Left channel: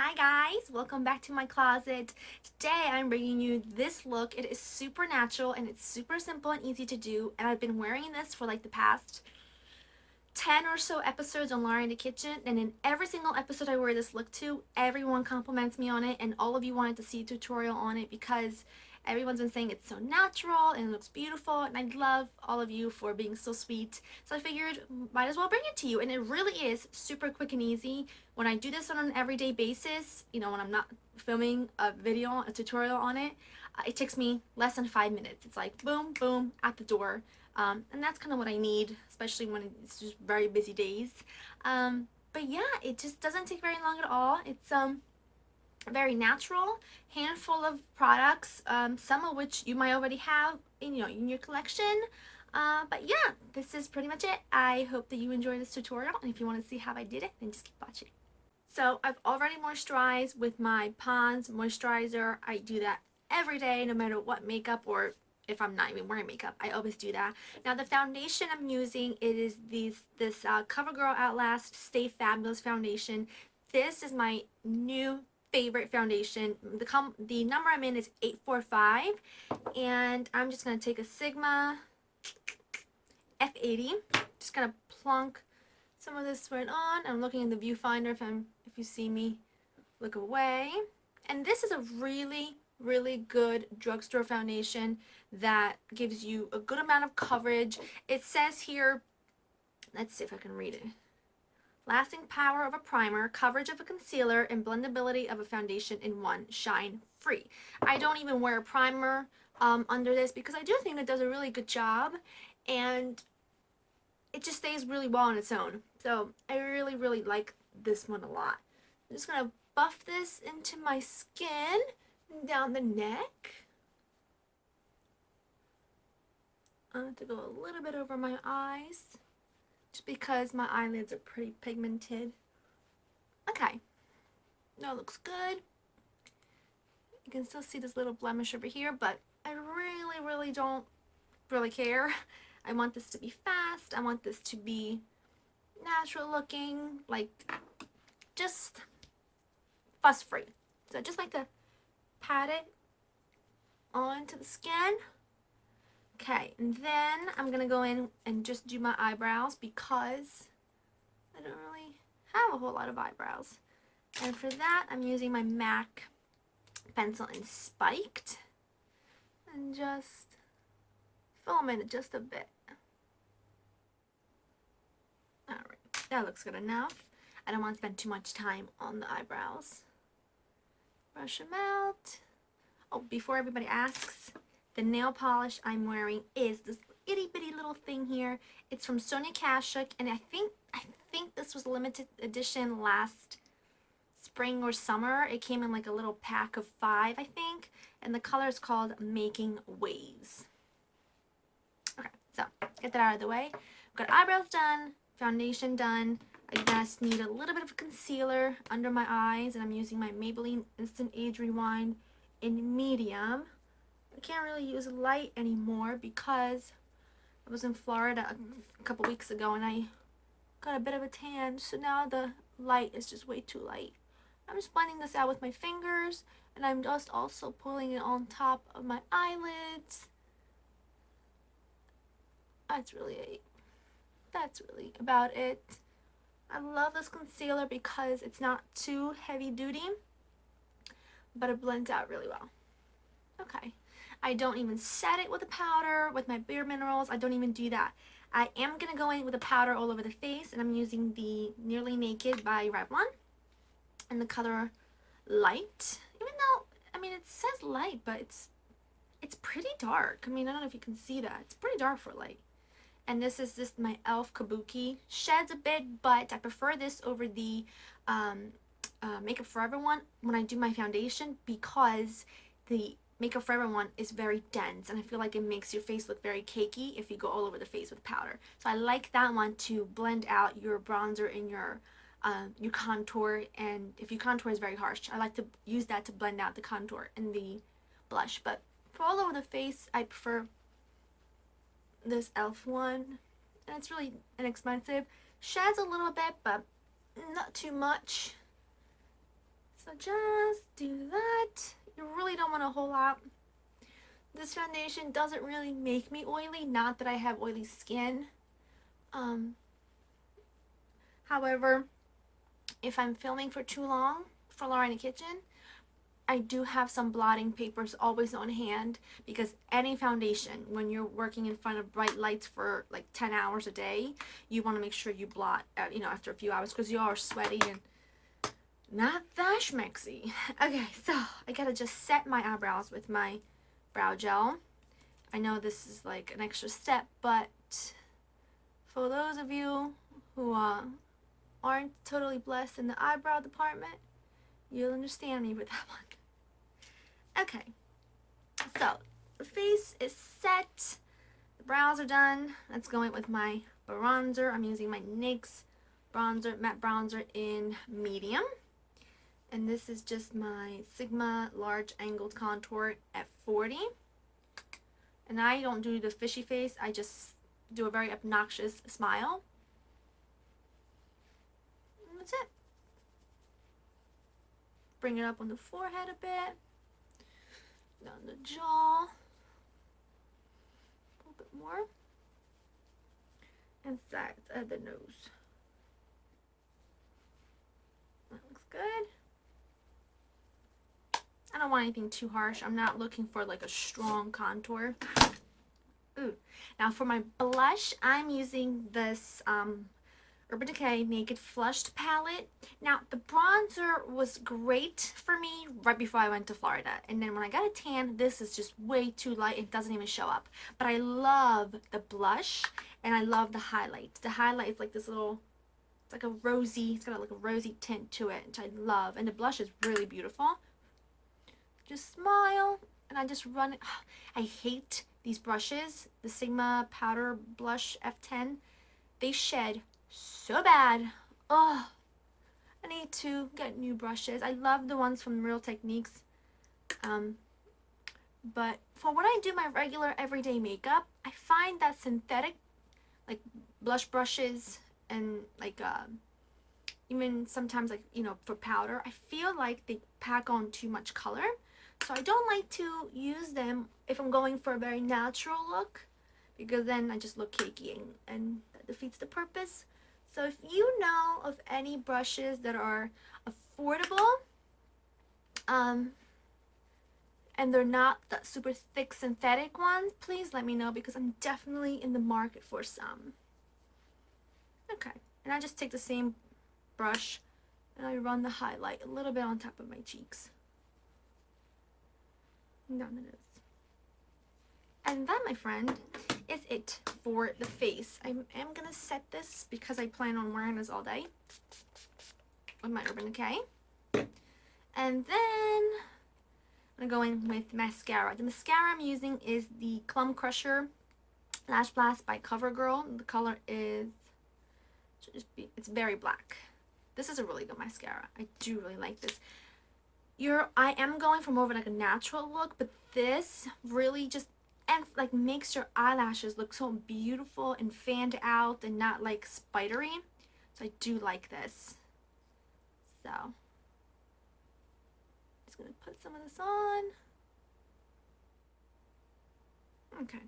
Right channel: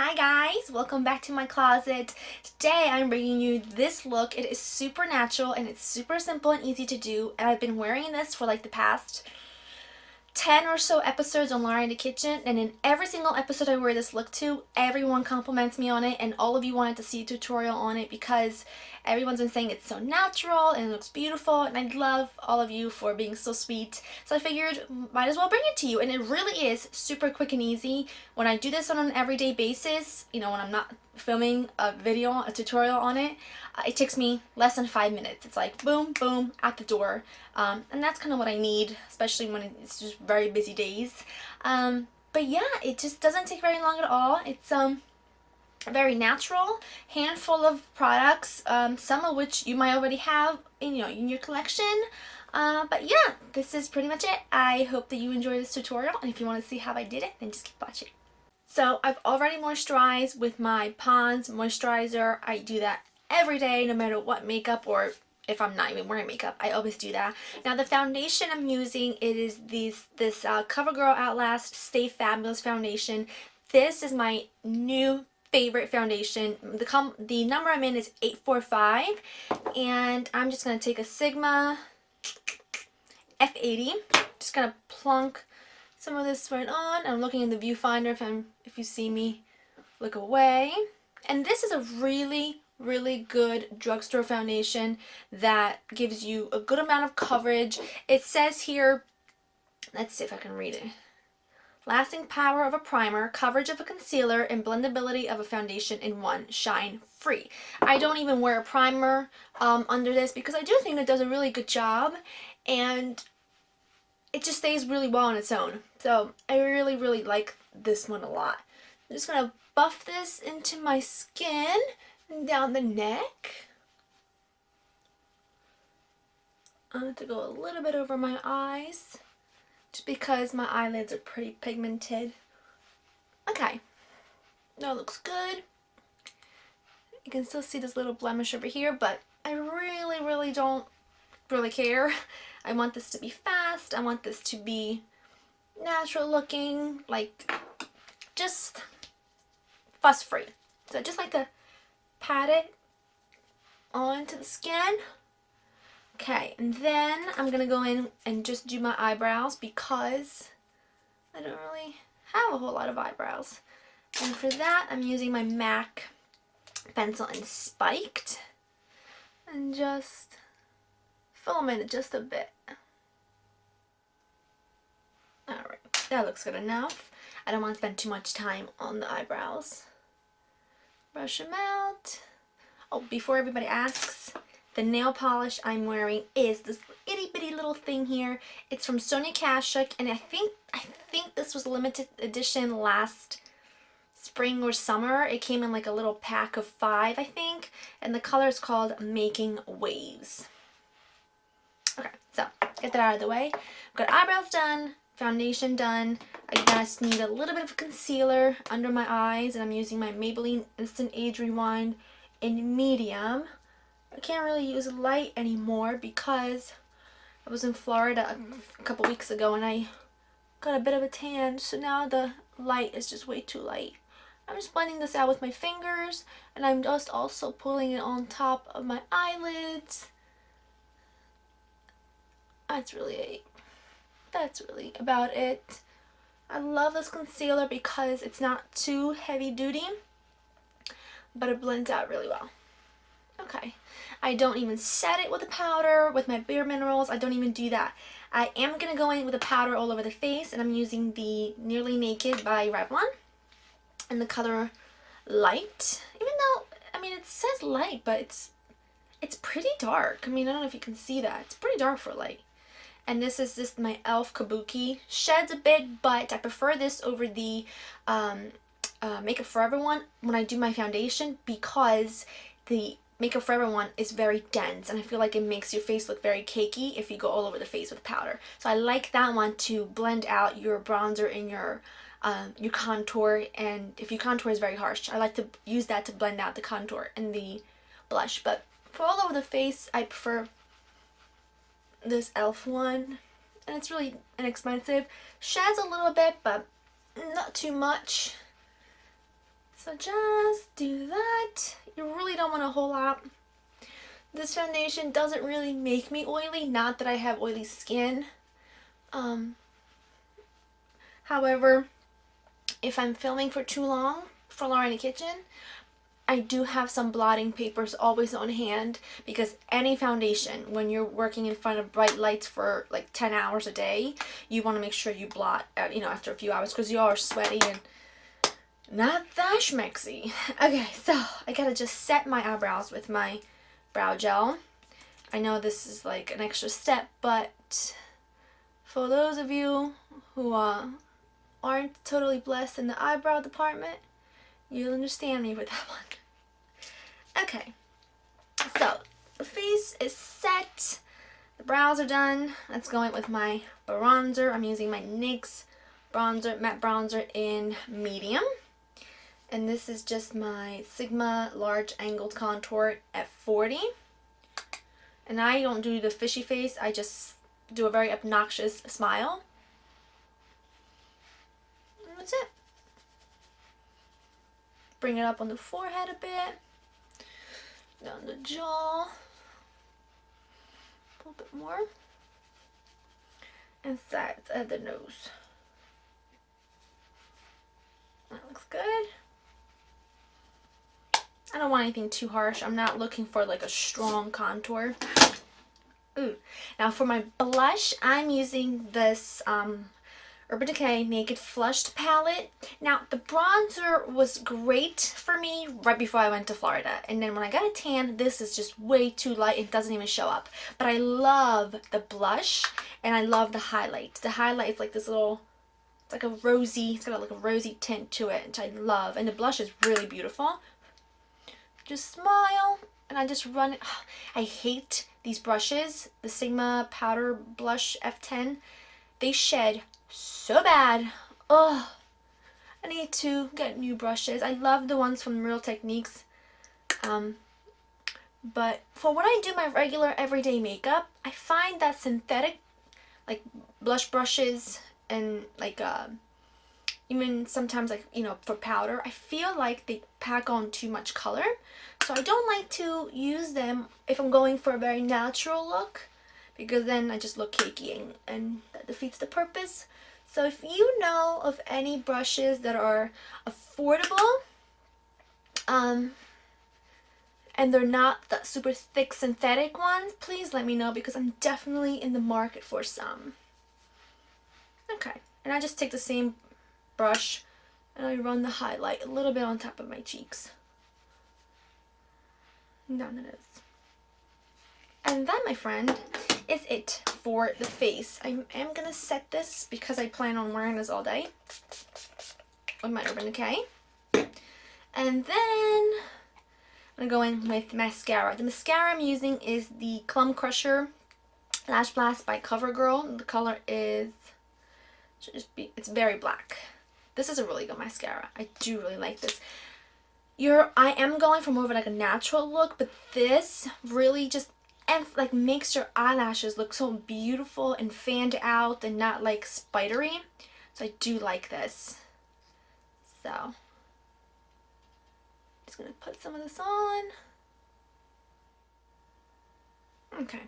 Hi guys, welcome back to my closet. Today I'm bringing you this look. It is super natural and it's super simple and easy to do, and I've been wearing this for like the past 10 or so episodes on Laura in the Kitchen, and in every single episode I wear this look to, everyone compliments me on it, and all of you wanted to see a tutorial on it because everyone's been saying it's so natural and it looks beautiful, and I love all of you for being so sweet. So I figured might as well bring it to you, and it really is super quick and easy. When I do this on an everyday basis, you know, when I'm not filming a video, a tutorial on it, it takes me less than 5 minutes. It's like boom, boom, out the door. And that's kind of what I need, especially when it's just very busy days. But yeah, it just doesn't take very long at all. It's very natural, handful of products, some of which you might already have in your collection. But yeah, this is pretty much it. I hope that you enjoy this tutorial, and if you want to see how I did it, then just keep watching. So I've already moisturized with my Pond's moisturizer. I do that every day, no matter what makeup, or if I'm not even wearing makeup, I always do that. Now the foundation I'm using, it is this CoverGirl Outlast Stay Fabulous foundation. This is my new favorite foundation. The number I'm in is 845, and I'm just gonna take a Sigma F80. Just gonna plunk some of this right on. I'm looking in the viewfinder if you see me look away. And this is a really good drugstore foundation that gives you a good amount of coverage. It says here, let's see if I can read it. Lasting power of a primer, coverage of a concealer, and blendability of a foundation in one, shine free. I don't even wear a primer under this because I do think it does a really good job, and it just stays really well on its own. So I really like this one a lot. I'm just gonna buff this into my skin and down the neck. I'm going to go a little bit over my eyes just because my eyelids are pretty pigmented. Okay, that looks good. You can still see this little blemish over here, but I really don't care. I want this to be fast. I want this to be natural looking, like just fuss free. So I just like to pat it onto the skin. Okay, and then I'm gonna go in and just do my eyebrows because I don't really have a whole lot of eyebrows. And for that, I'm using my MAC pencil in Spiked and just fill them in just a bit. Alright, that looks good enough. I don't want to spend too much time on the eyebrows. Brush them out. Oh, before everybody asks, the nail polish I'm wearing is this itty bitty little thing here. It's from Sonia Kashuk, and I think this was limited edition last spring or summer. It came in like a little pack of 5, I think, and the color is called Making Waves. Okay, so get that out of the way. I've got eyebrows done, foundation done. I just need a little bit of concealer under my eyes, and I'm using my Maybelline Instant Age Rewind in medium. I can't really use light anymore because I was in Florida a couple weeks ago and I got a bit of a tan, so now the light is just way too light. I'm just blending this out with my fingers, and I'm just also pulling it on top of my eyelids. That's really about it. I love this concealer because it's not too heavy duty, but it blends out really well. Okay, I don't even set it with a powder with my Bare Minerals. I don't even do that. I am going to go in with a powder all over the face, and I'm using the Nearly Naked by Revlon in the color Light. Even though, I mean, it says light, but it's pretty dark. I mean, I don't know if you can see that. It's pretty dark for light. And this is just my e.l.f. Kabuki. Sheds a bit, but I prefer this over the Makeup Forever one when I do my foundation because the Makeup Forever one is very dense, and I feel like it makes your face look very cakey if you go all over the face with powder. So I like that one to blend out your bronzer and your contour, and if your contour is very harsh, I like to use that to blend out the contour and the blush. But for all over the face, I prefer this e.l.f. one, and it's really inexpensive. Sheds a little bit, but not too much. So just do that. You really don't want a whole lot. This foundation doesn't really make me oily, not that I have oily skin. However, if I'm filming for too long for Laura in the kitchen, I do have some blotting papers always on hand, because any foundation, when you're working in front of bright lights for like 10 hours a day, you want to make sure you blot, after a few hours, because you are sweaty and not that schmexy. Okay, so I gotta just set my eyebrows with my brow gel. I know this is like an extra step, but for those of you who aren't totally blessed in the eyebrow department, you'll understand me with that one. Okay, so the face is set, the brows are done. Let's go in with my bronzer. I'm using my NYX bronzer, matte bronzer in medium. And this is just my Sigma large angled contour at 40. And I don't do the fishy face, I just do a very obnoxious smile. And that's it. Bring it up on the forehead a bit, down the jaw, a little bit more, and sides of the nose. That looks good. I don't want anything too harsh. I'm not looking for like a strong contour. Ooh. Now for my blush, I'm using this Urban Decay Naked Flushed palette. Now the bronzer was great for me right before I went to Florida, and then when I got a tan, this is just way too light. It doesn't even show up. But I love the blush and I love the highlight. The highlight is like this little, it's like a rosy, it's got like a rosy tint to it, which I love. And the blush is really beautiful. Just smile, and I just run it. I hate these brushes, the Sigma Powder Blush F10. They shed so bad. Oh, I need to get new brushes. I love the ones from Real Techniques. But for when I do my regular everyday makeup, I find that synthetic, like blush brushes and like even sometimes like, for powder, I feel like they pack on too much color. So I don't like to use them if I'm going for a very natural look, because then I just look cakey and that defeats the purpose. So if you know of any brushes that are affordable, and they're not that super thick synthetic ones, please let me know, because I'm definitely in the market for some. Okay, and I just take the same brush and I run the highlight a little bit on top of my cheeks. Down the nose. And that, my friend, is it for the face. I am gonna set this because I plan on wearing this all day with my Urban Decay. And then I'm gonna go in with mascara. The mascara I'm using is the Clump Crusher Lash Blast by CoverGirl. The color is, it's very black. This is a really good mascara. I do really like this. I am going for more of like a natural look, but this really just like makes your eyelashes look so beautiful and fanned out and not like spidery. So I do like this. So just gonna put some of this on. Okay,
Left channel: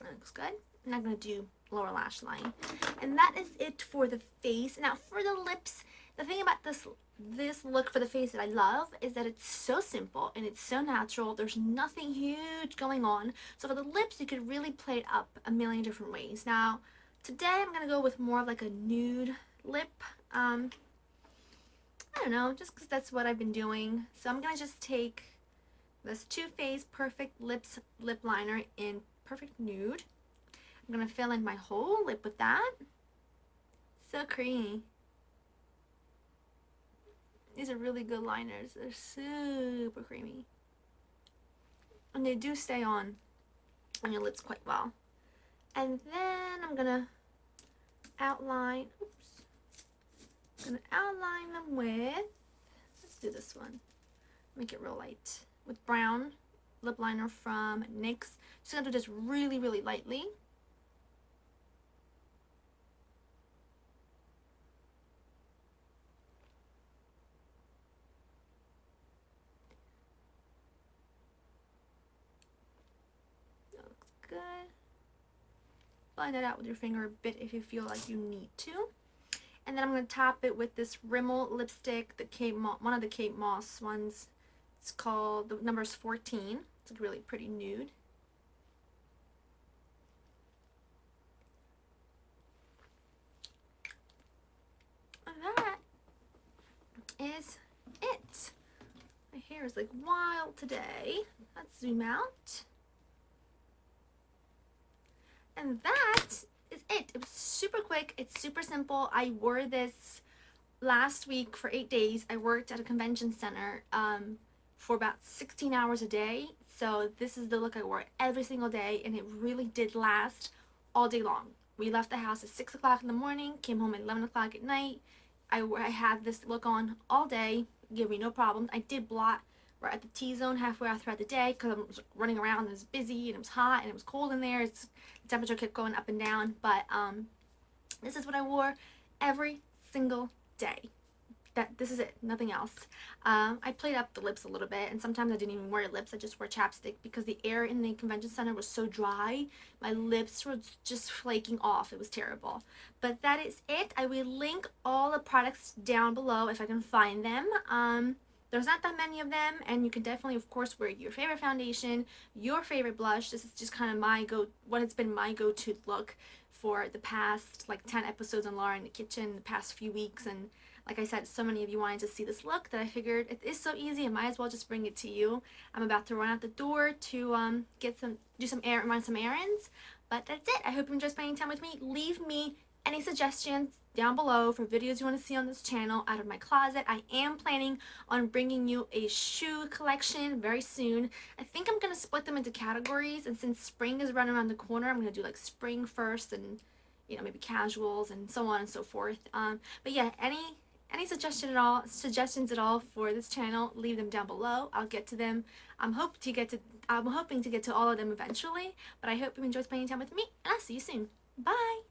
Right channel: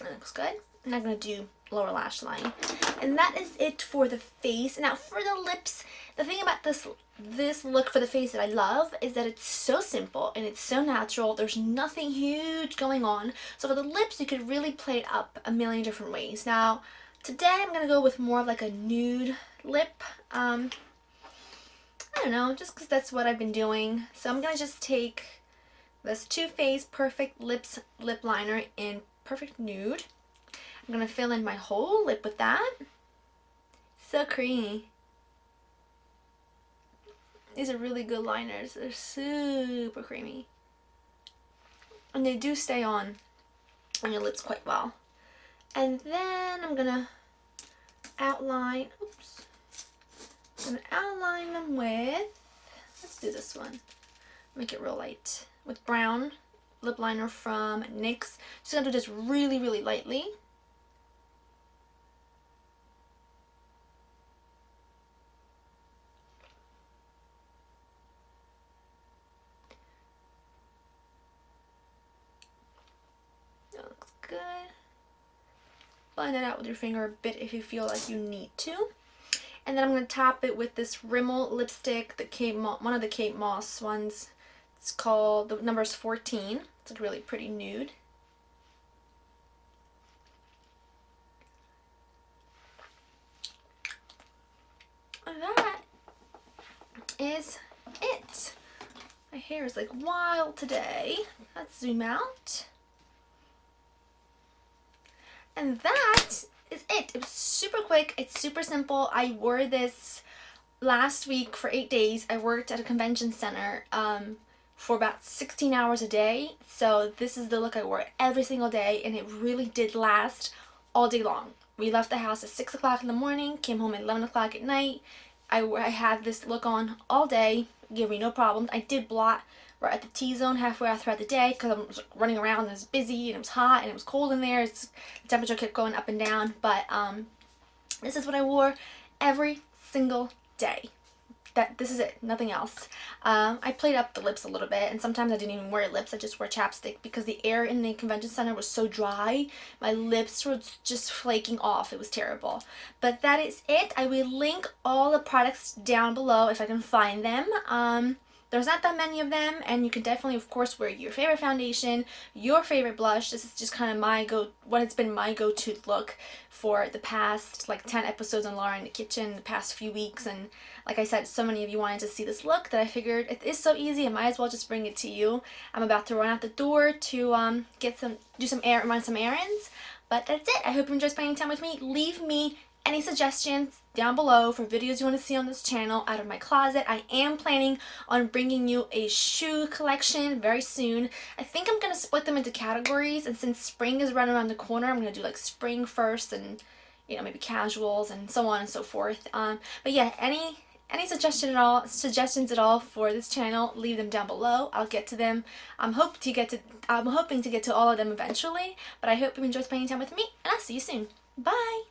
that looks good. And I'm gonna do lower lash line, and that is it for the face. Now for the lips, the thing about this look for the face that I love is that it's so simple and it's so natural. There's nothing huge going on. So for the lips, you could really play it up a million different ways. Now today I'm gonna go with more of like a nude lip. I don't know, just because that's what I've been doing. So I'm gonna just take this Too Faced Perfect Lips lip liner in Perfect Nude. I'm gonna fill in my whole lip with that. So creamy. These are really good liners. They're super creamy. And they do stay on your lips quite well. And then I'm gonna outline, I'm gonna outline them with, let's do this one. Make it real light. With brown lip liner from NYX. Just gonna do this really, really lightly. good. Blend it out with your finger a bit if you feel like you need to. And then I'm going to top it with this Rimmel lipstick, one of the Kate Moss ones. It's called, the number's 14. It's a really pretty nude. And that is it. My hair is like wild today. Let's zoom out. And that is it. It was super quick. It's super simple. I wore this last week for 8 days. I worked at a convention center for about 16 hours a day. So this is the look I wore every single day, and it really did last all day long. We left the house at 6 o'clock in the morning, came home at 11 o'clock at night. I had this look on all day, gave me no problems. I did blot right at the T-zone halfway out throughout the day because I was running around and it was busy and it was hot and it was cold in there. The temperature kept going up and down, but this is what I wore every single day. This is it, nothing else. I played up the lips a little bit, and sometimes I didn't even wear lips. I just wore chapstick because the air in the convention center was so dry. My lips were just flaking off. It was terrible. But that is it. I will link all the products down below if I can find them. There's not that many of them, and you can definitely, of course, wear your favorite foundation, your favorite blush. This is just kind of what has been my go-to look for the past, like, 10 episodes on Laura in the Kitchen, the past few weeks, and like I said, so many of you wanted to see this look that I figured it is so easy, I might as well just bring it to you. I'm about to run out the door to run some errands, but that's it. I hope you enjoyed spending time with me. Leave me any suggestions down below for videos you want to see on this channel out of my closet. I am planning on bringing you a shoe collection very soon. I think I'm going to split them into categories, and since spring is right around the corner, I'm going to do like spring first and, you know, maybe casuals and so on and so forth. But yeah, any suggestions at all for this channel, leave them down below. I'll get to them. I'm hoping to get to all of them eventually, but I hope you enjoy spending time with me, and I'll see you soon. Bye!